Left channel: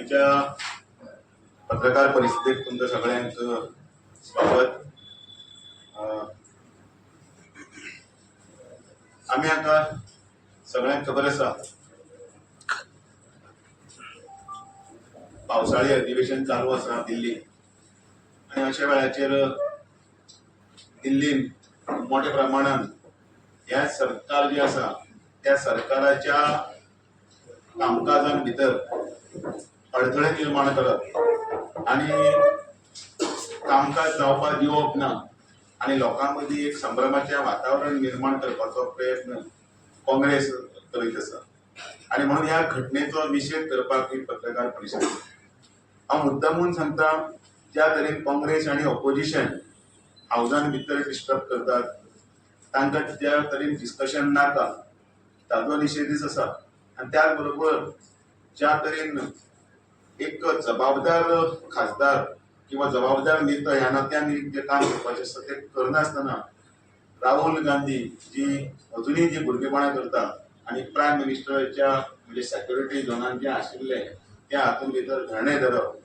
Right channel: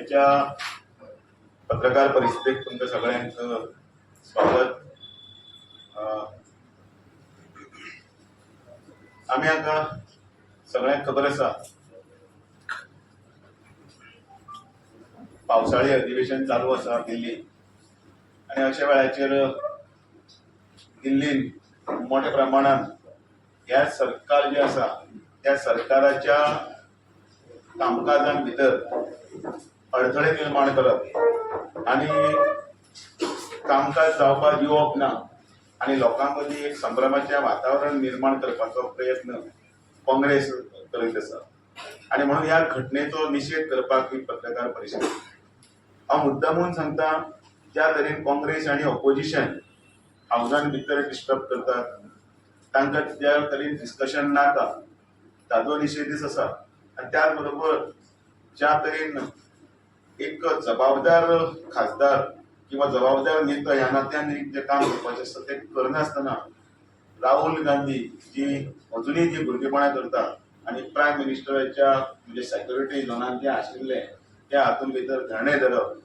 आयच्या पत्रकार परिषदेक तुमकां सगळ्यांक स्वागत. आमी आतां सगळ्यांक खबर आसा पावसाळी अधिवेशन चालू आसा दिल्लीन, आनी अशा वेळाचेर दिल्लीन मोठ्या प्रमाणान ह्या सरकार जे आसा त्या सरकाराच्या कामकाजां भितर अडथळे निर्माण करप आणि कामकाज जावपाक दिवप ना आणि लोकां मदीं एक संभ्रमाचें वातावरण निर्माण करपाचो प्रयत्न काँग्रेस करीत आसा. आणि म्हणून ह्या घटनेचो निशेध करपाक ही पत्रकार परिशद. हांव मुद्दामून सांगता, ज्या तरेन काँग्रेस आणि ऑपोजिशन हावजान भितर डिस्टर्ब करतात, तांकां ज्या तरेन डिस्कशन नाका ताचो निशेधच आसा. आणि त्याच बरोबर ज्या तरेन एक जबाबदार खासदार किंवा जबाबदार नेता ह्या नात्यान जे काम करपाचें आसता ते करनासतना राहुल गांधी जी अजुनूय जी भुरगेपणां करता आणि प्रायम मिनिस्टराच्या म्हणजे सेक्युरिटी झोनान जे आशिल्ले त्या हातूंत भितर धरणे धरप,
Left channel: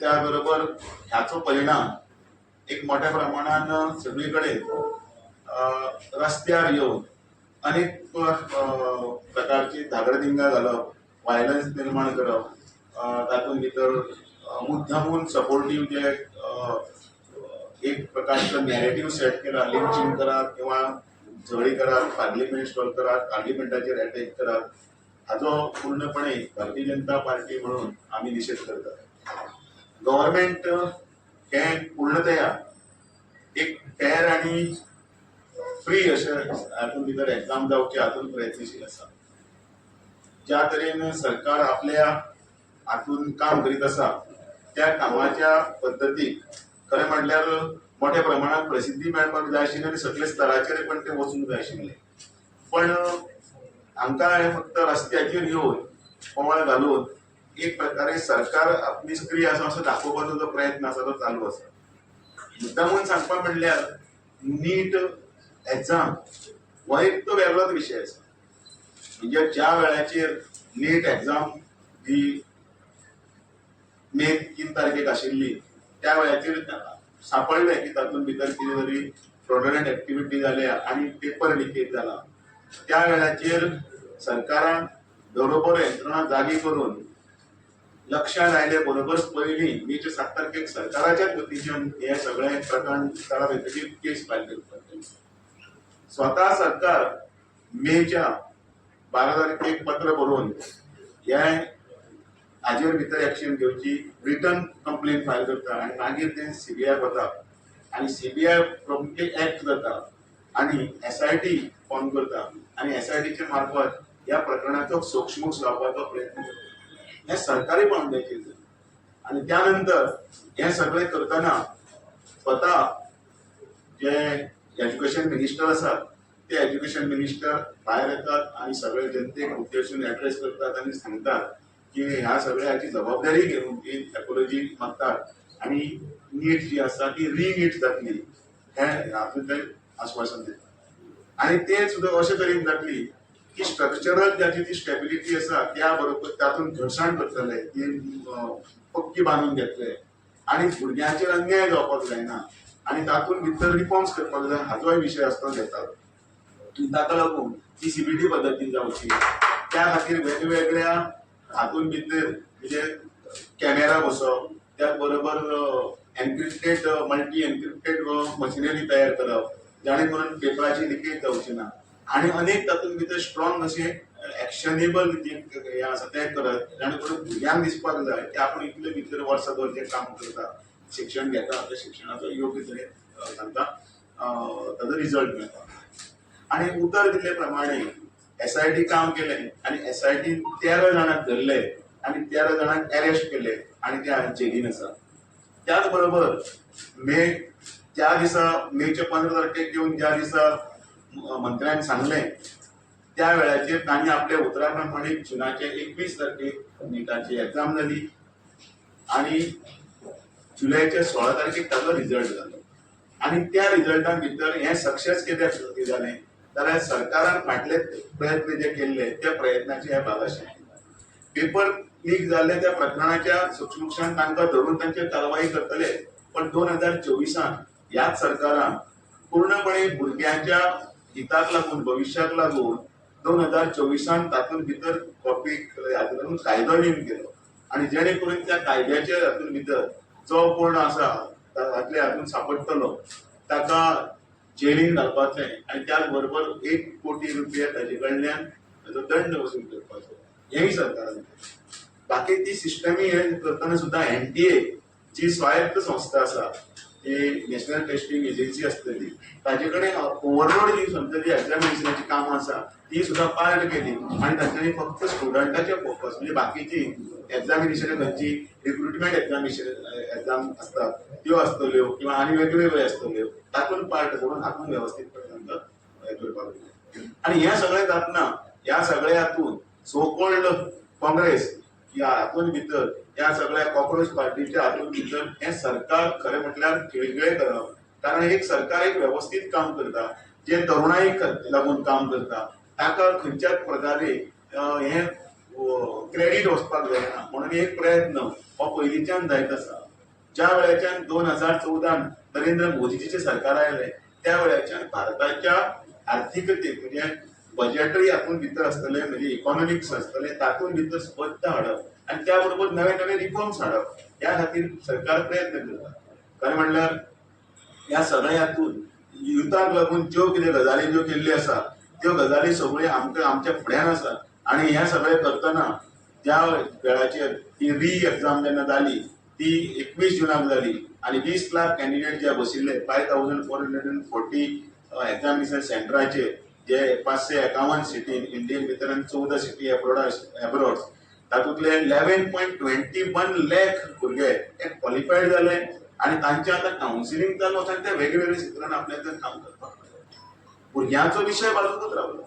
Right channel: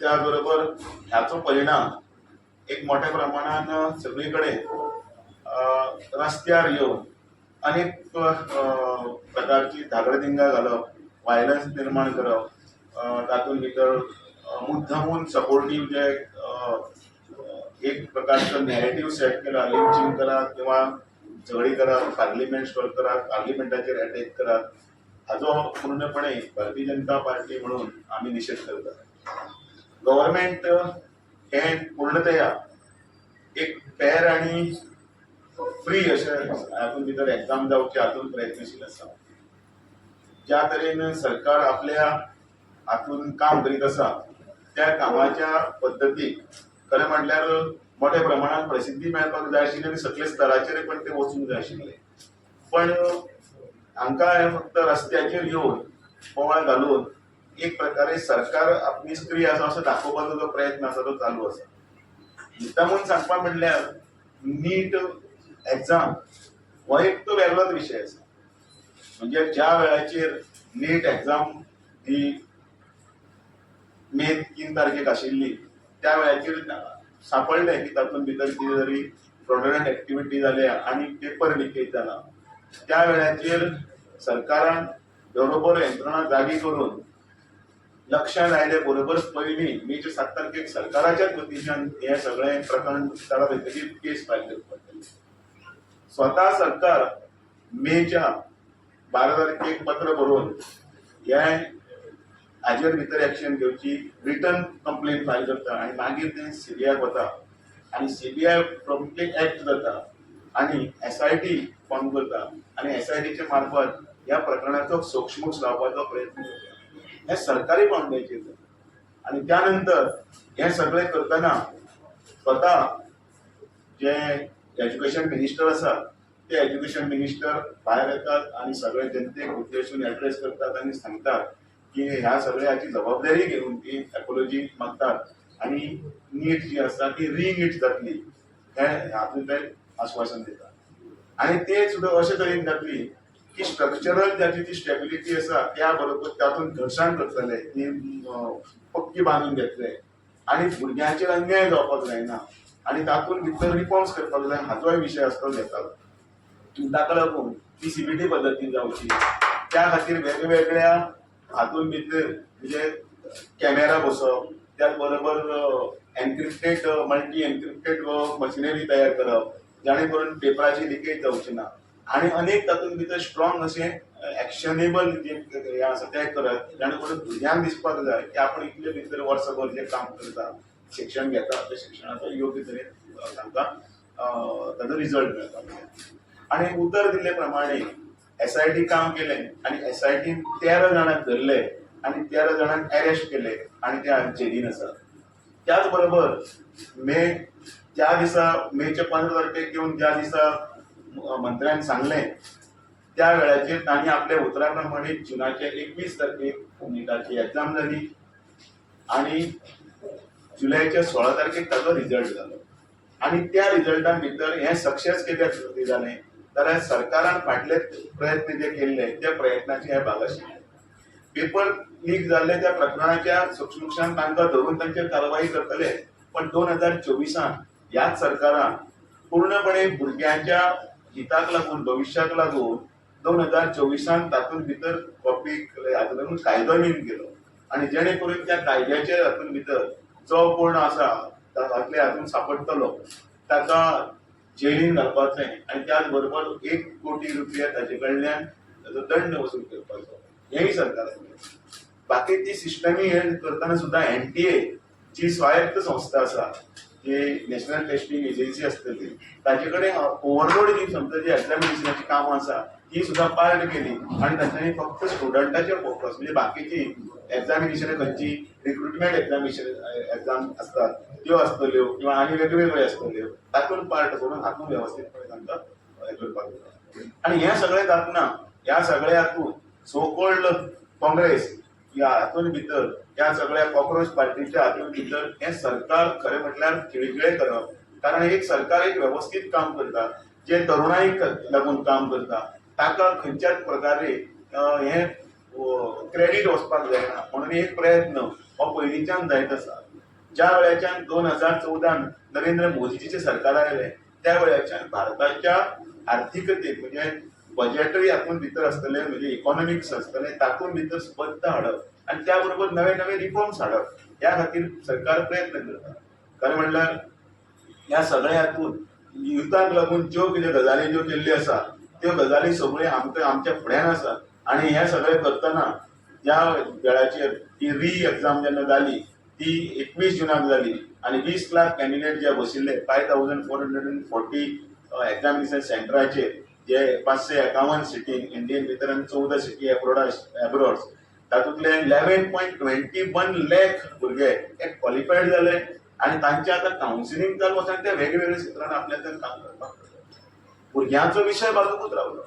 त्या बरोबर ह्याचो परिणाम एक मोठ्या प्रमाणान सगळीकडे रस्त्यार येवन अनेक प्रकारची धागडधिंगा घालप, व्हायलन्स निर्माण करप, तातूंत भितर मुद्दामून सपोर्टीव जे एक प्रकारचं नॅरेटिव्ह सेट केला, लिंचिंग करात किंवा झगडी करात, पार्लिमेंट स्टॉल करात, पार्लिमेंटाचेर अटॅक करात, हाचो पूर्णपणे भारतीय जनता पार्टी म्हणून आमी निशेध करतात. गव्हर्नमेंट हे पूर्णतया एक फेअर आणि फ्री अशें हातूंत भितर एग्जाम जावचे हातूंत प्रयत्नशील आसा. ज्या तरेन सरकार आपल्या हातूंत काम करीत आसा त्या कामाच्या पद्दतीक खरें म्हटल्यार मोठ्या प्रमाणात प्रसिद्धी मेळपाक जाय आशिल्ली आणि सकले स्तराचेर पण ते वचूंक जाय आशिल्ले. पण हांकां फक्त रस्त्याचेर येवन बोवाळ घालून एक प्रकारे सरकार निष्क्रीय आसा असो दाखोवपाचो जो प्रयत्न आसा तो चालू आसा. मुद्दामून सांगपा म्हणल्यार नीट एग्जाम हो एक तो वेगळोच विशय आसा. म्हणजे ज्या वेळाचेर नीट एग्जाम ही मे 3 तारखेक आशिल्ली त्या वेळाचेर सापडले की तातूंत भितर कितें तरी फ्रॉडुलंट एक्टिविटी जाल्या आणि पेपर लिकेज जाला. त्या वेळाचेर सरकारान बरोबर यंत्रणा जागी करून लक्षांत आयले बरोबर पयलीं मेच्या 7 तारखेक सरकाराच्याच वतीच्यान हे सगळे प्रकरण ताळा भितरली केस फायल करपाक केली. स्वता सरकार मेच्या 12 तारखेक पत्र बरोवन हे हाजेर भितर एक्शन घेवची रिटर्न कंप्लेन फायल करता आणि मागीर ते सीबीआय वता आणि सीबीआय प्रॉम्प्टली एक्ट जाता आणि एसआयटी फॉर्म करता आणि एसआयटीचे मार्फत ह्या प्रकरणाचो सोक्षमोक्ष लावपाचो प्रयत्न करता. हे सरकारी पावंड्याचेर जाता. आणि त्यानंतर हे सगळे करतना स्वता जे एज्युकेशन मिनिस्टर आसा ते एज्युकेशन मिनिस्टर भायर येतात आणि सगळे जनतेक उद्देशून एड्रेस करतात आणि सांगतात की ह्या सगळ्याची जबाबदारी घेऊन ती एपोलॉजी मागतात आणि नीट जी आसा ती रीनीट जातली हे हातूंत ते आश्वासन दितात. आणि ते सुद्धा अशे तरेन जातली की स्ट्रक्चरल ज्याची ती स्टेबिलिटी आसा त्या बरोबर तातूंत घर्शण करतले, ती पक्की बांदून घेतले आणि भुरग्यांचेर अन्याय जावपाक जायना आणि तातूंत भितर रिफॉर्म्स करपाक जाय हाचोय विशय आसता घेतात. ताका लागून ती सीबीटी पद्दतीन जावची, त्या खातीर वेगवेगळ्या हातूंत भितर म्हणजे कॅमेरा बसोवप, त्याच बरोबर एनक्रिप्टेड मल्टी एनक्रिप्टेड मशिनरी तयार करप जाणे करून पेपराची लिकेज जावची ना आणि अनेक तातूंत भितर स्ट्रॉंग अशें एक्शनेबल जे हे आसा ते करत जाणे करून भुरग्यांक दिसपाक जाय की आपण इतले भितर वर्सभर जे काम करता, शिक्षण घेता त्या शिक्षणाचो योग्य तरेन तांकां ताजो रिजल्ट मेळटा. आणि उतर दिल्ले प्रमाणे एसआयटी काम केले आणि एसआयटीन 13 जाणांक धरले आणि 13 जाणांक अरेस्ट केले आणि ते जेलीन आसा. त्याच बरोबर ज्या दिसा मेच्या 15 तारखेक येवन ज्या दिसा मंत्र्यांक सांगले त्या वेळाचेर तांणी आपल्या उतरा प्रमाणे जुनाचे 21 तारखेक नीटाची एग्जाम जाली आणि जुलयाच्या 16 तारखेक ताजो रिजल्ट जालो. आणि त्या रिजल्टान भितर हे सक्सेस कित्याक जालें जाल्यार सरकारान फाटले प्रयत्न जे केल्ले त्या प्रयत्नाचे हे भाग आशिल्ले. पेपर लीक जाल्ले त्या प्रकरणाच्या सूक्ष्मक्षान तांकां धरून तांचेर कारवाई करतले. पण 2024 ह्याच सरकारान पूर्णपणे भुरग्यांच्या हिताक लागून भविश्याक लागून 2024 तातूंत भितर टॉपीक हातूंत कायदो नेम केलो आणि जेणे करून त्या कायद्याच्या हातूंत भितर जो कोण आसा हातले हातूंत सांपडटलो ताका जेलीन घालपाचें आणि त्याच बरोबर 1 कोटी रुपया ताचे कडल्यान ताचो दंड वसूल करपाचो हेंय सरकारान केलें. बाकी ती सिस्टमी हे करतना सुद्दां NTA जी स्वायत्त संस्था आसा जी नॅशनल टेस्टिंग एजन्सी आसतली ताचे कडेन ओवरलोड जी समजा जी एग्जामिनेशनाची कामां आसा ती सुद्दां पार्ट केली आणि तांच्यांनी फक्त स्टुडंटाचे फोकस म्हणजे बाकीची एग्जामिनेशन खंयची रिक्रुटमेंट एग्जाम असतात त्यो आसतल्यो किंवा आनी वेगवेगळ्यो आसतल्यो तातूंत पार्ट करून हातूंत वेवस्थीतपणे तांकां हें करपाक जाय. आणि हें सगळें जातना ह्या सगळ्या हातूंत सो कॉल्ड काँग्रेस ह्या हातूंत भितर ह्या सगळ्या कॉक्रोच पार्टीच्या हातूंत भितर हें सरकार खरें म्हटल्यार खिळखिळे करप. कारण एक सरकार एक वेवस्थीत काम करता जे तरुणाईक लागून काम करता ताका खंयच्याच प्रकारे हें क्रेडीट वचपाक जायना म्हणून एक प्रयत्न हो पयलींच्यान जायत आसा. ज्या वेळाच्यान 2014 नरेंद्र मोदीचे सरकार आयले त्या वेळाच्यान भारताच्या आर्थीकतेक म्हणजे बजेटरी हातूंत भितर आसतले म्हणजे इकॉनॉमिक्स आसतले तातूंत भितर स्पश्ट हाडप आणि त्या बरोबर नवे नवे रिफॉर्म्स हाडप ह्या खातीर सरकार प्रयत्न करता. खरें म्हणल्यार ह्या सगळ्या हातूंत युथाक लागून ज्यो कितें गजाली ज्यो केल्ल्यो आसा त्यो गजाली सगळ्यो आमच्या फुड्यान आसा आणि हे सगळें करतना ज्या वेळाचेर ती री एग्जाम जेन्ना जाली ती 21 जुनाक जाली आणि 20 लाख कॅन्डिडेट जे बशिल्ले 5440 एग्जामिनेशन सेंटराचेर जे 551 सिटी इंडियन भितर आनी 14 सिटी एब्रॉड तातूंतले 11.21 लाख भुरगे हे क्वॉलिफायड जाले आणि तांचे आतां कावन्सिलींग चालू आसा ते वेगवेगळ्या क्षेत्रांत आपल्याक काम करपाक भुरग्यांचो विशय बाजूकूच रावलो.